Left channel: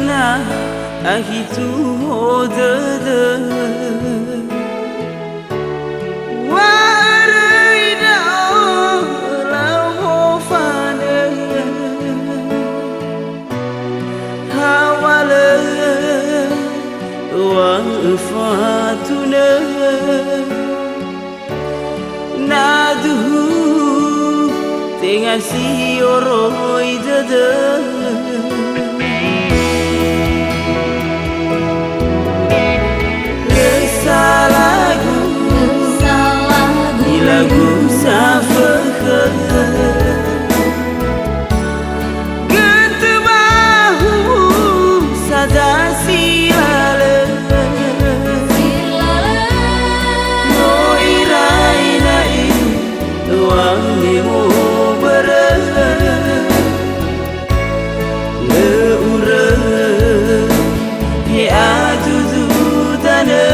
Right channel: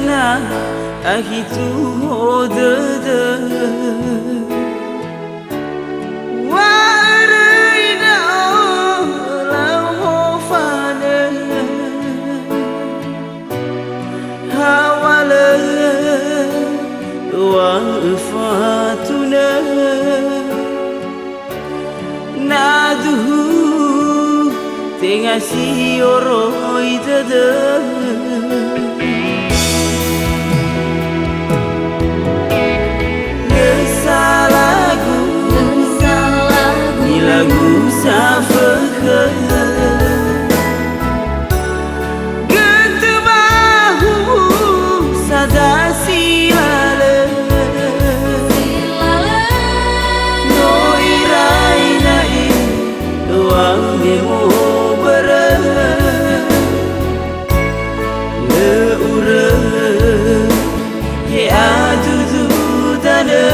na ahitu hodada Warida lau mofane Hawala wafatuna Naduhu tengah si oroi dada Lagu ni lagu safakha Getebahu sada silala No irai nai wa memo bara Le ura ye adudu dana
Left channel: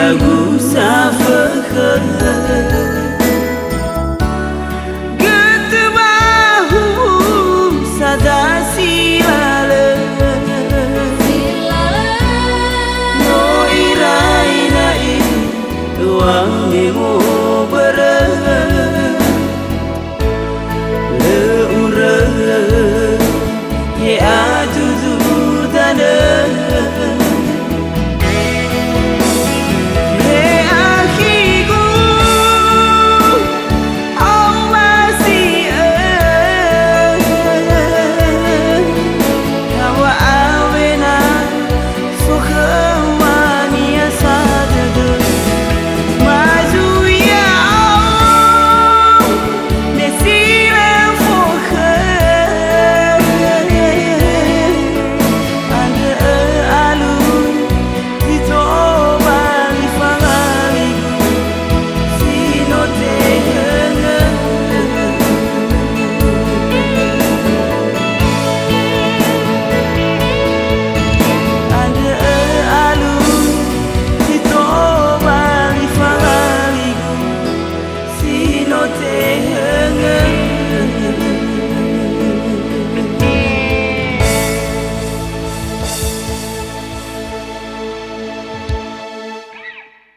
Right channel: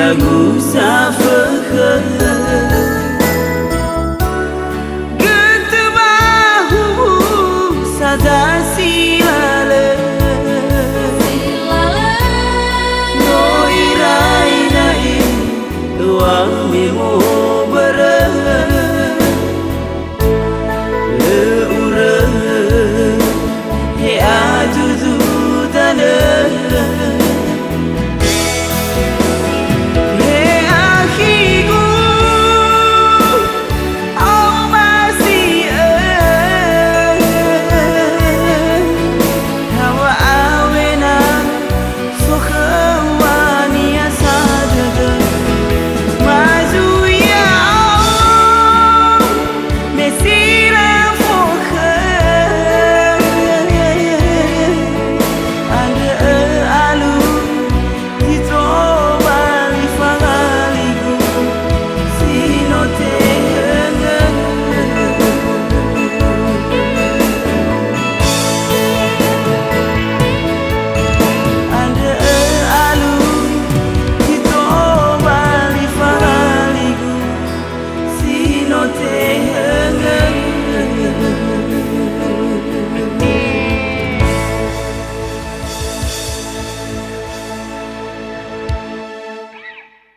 Lagu safakha Getebahu sada silala No irai nai wa memo bara Le ura ye adudu dana Te henge